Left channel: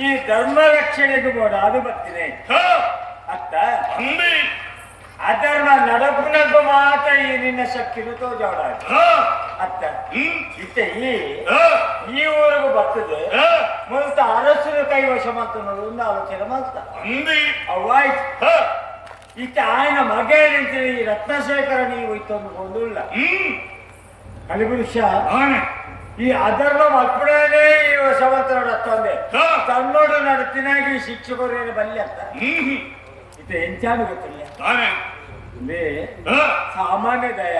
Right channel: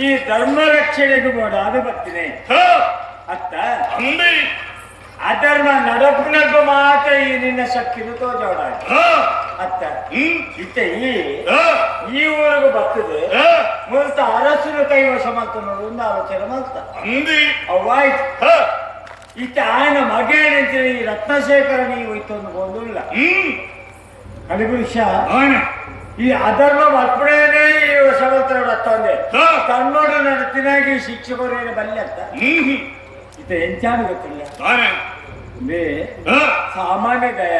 ಈ ಧರ್ಮ ರಕ್ಷಣೆಗೂ ಕೂಡ ಅದು ಬರ್ತೀನಿ ಅತ್ತ ಅಂದೆ ಅದರ ನಡಪಿನಬ್ಬ ಮಾತ್ರ ಈ ನಿನ್ನ ಶಕ್ತಿನು ತೋಜಾಡ ಅತ್ತ ಇತ್ತೆ ಈ ಊರಿಗೂ ಬರ್ತದೆ ಮೂಲತ ಅರಸನ ಕೈವಶ ಮಾಡ್ತ ಒಂದು ಆಲೋಚನೆ ಮಾಡ್ತ ಅವಾಯ್ತು ಇತ್ತ ಆಯನ ಮಗೇನಂತೇಳಿ ಈ ರತ್ನಶೇಖರ ನೀವು ಇತ್ತೊಂದು ಗೊಂದಿಲ್ಲ ಕಲಿಗುರುಷ ಈ ಅಧರ್ಮ ಅರ್ಪಣೆನೇ ಈ ವಶವಂತನೋಡು ಹತ್ತೊಂದೆ ತನ್ನೋಡು ನಡತಿನಾಗಿ ಶಿಕ್ಷಕರೇನು ಬಲ್ಲಿ ಅಂತ ಇತ್ತ ಎಂಚಾನು ಗೊತ್ತಿಲ್ಲ ಸಾಮಾನ್ಯ ದಯ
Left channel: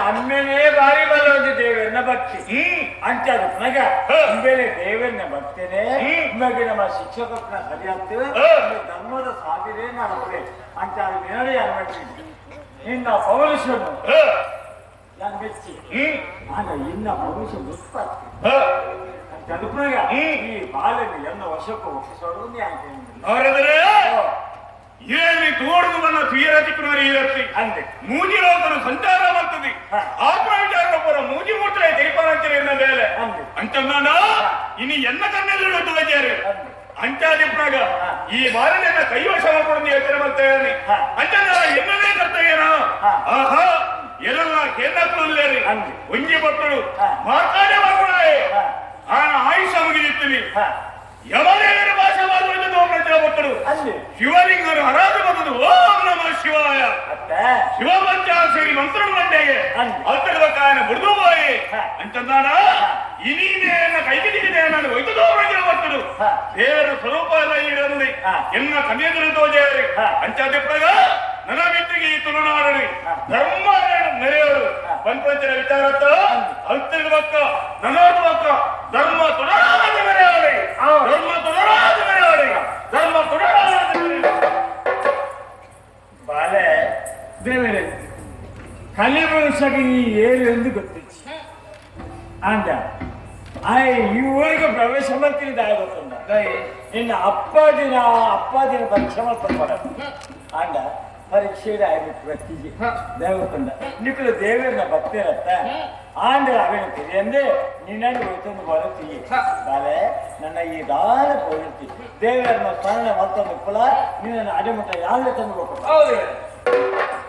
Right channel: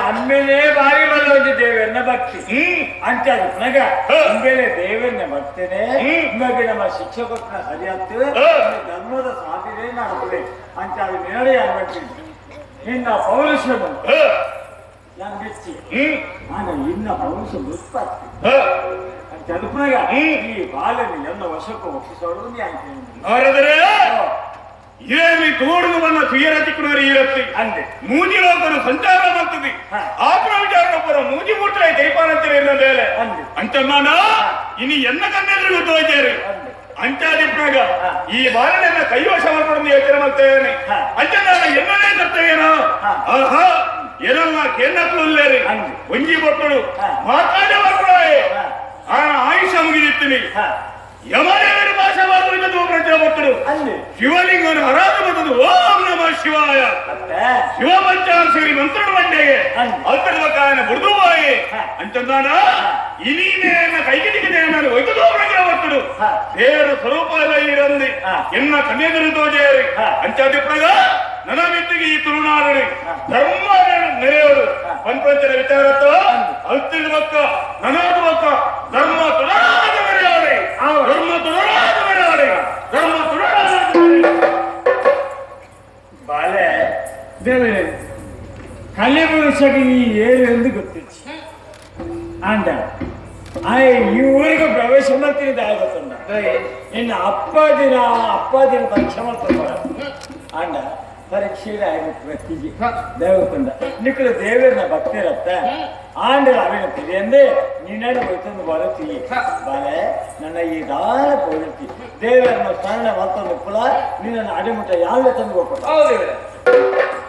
ಅಮ್ಮೇಲೆ ಬಾರಿ ಬಲ್ಲೊಂದು ದೇವರನ್ನ ಭಕ್ತಿ ಅಂತ ನಗ ಅಂಬೇಲೆ ದೇವರನ್ನ ಭಕ್ತೇನೆ ನಿಮಗೆ ನಮ್ಮ ಶಿಕ್ಷಕರನ್ನ ಸರಿಯಾಗ್ತೇವೆ ಧರ್ಮದ ಸಾಧನೆ ಮಾಡ್ತೇವೆ ಅಂತ ನೆನಡಿ ಅನ್ಬಿಟ್ಟು ನಿನ್ನ ಪೌರುಷ ನಾನು ಮೆಚ್ಚಿ ನಾನು ಇನ್ನ ಪೌರುಷ ಮೆಚ್ಚಾಗ್ತೇನೆ ಅಂತ ಅದಕ್ಕೂನಾಗ ಈ ಬಾಲನೆ ಎನ್ನ ವಶಕ್ಕೂ ಒಪ್ಪಿಸೋಳು ಅವರಾದರೆ ಏನಿ ತೋಡುವನ್ನ ತುಯರತಿಕ್ಕನವರು ಇರತ್ತಿ ಅಂದೆ ಮೂಜಿ ಲೋಕನು ಸಂಚಾರ ಮಾಡ್ತದೆ ಆಪರ ವಿಚಾರೊಬ್ಬರ ಮೂಜಿ ಮುಟ್ರೆ ದೈಪಾನಂತಿರಿ ಎನ್ನ ಮೇಲೆ ಅಂತ ನಾನು ಇನ್ನು ಎನ್ನ ಕಣ್ಣೆದುರು ತೋಜೇರಿ ಅಂಚಾದಿಪ್ರಾಗ ಈ ಬಾಲನೆನ್ನ ಕೈವಶ ಮಾಡ್ಕೊಂಡು ಯೋಚನೆ ಮಾಡ್ತೇನೆ ಅಂತ ನಾನು ಎನ್ನದೇ ಕರ್ತವ್ಯನ ಆಹಾ ಏನಲ್ಲ ಕೇನ್ನಕ್ಲೇರಿ ಒಂಜಿ ಮಕ್ಕಳು ಮಾತಾಡಿ ಮಾಡ್ಕೊಳೇ ಆಯುಷ ಮುಗಿದಿರ್ತೀನಿ ಯಮದೇವರ ಭಾಷೆ ಮಾಡುವುದರಿಂದ ತೋಪಂಚಿನ ಮಕ್ಕಳು ಶಿವಲಿಂಗನ ಹರಾಜ ಬಂದದ್ದು ಓಂ ನಮ ಶಿವಾಯ ಶಿವ ಪಂಚಾಕ್ಷರಿ ಮಂತ್ರಣ ಮಂಡೆಗೆ ಅಲ್ತದ ಕಾಯನ ಬುಡ್ದು ಬಾಯಿ ಅಂತಂದಾನ ಇನೀನೇನ ಕೈಗಿದಿಗಿದೆ ನಾನು ಒಯ್ದು ತೋಪಂಚಿನ ಮಕ್ಕಳು ದೇವರ ಸ್ವರೂಪ ಎಲ್ಲ ಇರಂದಿ ಎನ್ನ ಕನ್ಯೆದರು ತೋಜೇರಿ ಅಂಚಾದಿಪ್ರಾಗ ನನ್ನ ಮಿತ್ತಿಗೆ ಈ ತುಳುನಾಡಿ ಧರ್ಮ ನೆರೆಯೋಡು ಪಂಚಪಂಚನ ವಿಚಾರತ್ತ ಅಲ್ತಿದ ಮಕ್ಕ ನನೋರ್ದ ಮಕ್ಕ ಧರ್ಮ ತುಳರಾದ ಮೆರೆಯೋಡೆ ಧರ್ಮ ತುಳರಾದ ಮೆರೆಯೋಡೆ ಧರ್ಮ ತುಳರಾದ ಬಾಲೆ ದೇವರೇ ಕಲಿಪುರುಷಗೆ ಈ ಏರು ಎಂದು ಗೊತ್ತಿತ್ತು ಅಂದ ಈ ಊರಿಗೆ ಪ್ರವೇಶ ಮಾಡ್ತೀನಿ ದಾಯ ಗೊತ್ತುಂಡ ಇನ್ನು ಅಪ್ಪಾದಿನ ಪರೀಕ್ಷೆ ಮಾಡ್ತಾರೆ ಅಂಡ ಪರೀಕ್ಷೆಯಲ್ಲಿ ಆಯ್ತು ಪ್ರತಿಜಿ ದೇವಕೊಂಡ ನಿಕ್ಕಲು ದೇವರನ್ನ ಭಕ್ತಿರತ್ತ ಆಂಡ ಅವೇನ ತಿಳಿಯಂದೆ ನಿನ್ನನ್ನು ಹೋಯ್ತೊಂದು ಬರುತ್ತೀವಿ ಬಾಲೆ ನನ್ನ ಈ ದಾನ ಪೋರುತ್ತಿ ದೇವರನ್ನ ಸ್ಮರಣೆ ಮತ್ತೊಂದು ಕುಲ ನಿನ್ನ ಅಡಿಮುಟ್ಟ ಯಾವ್ದು ತಂದು ಹೋಗ್ಬೇಕು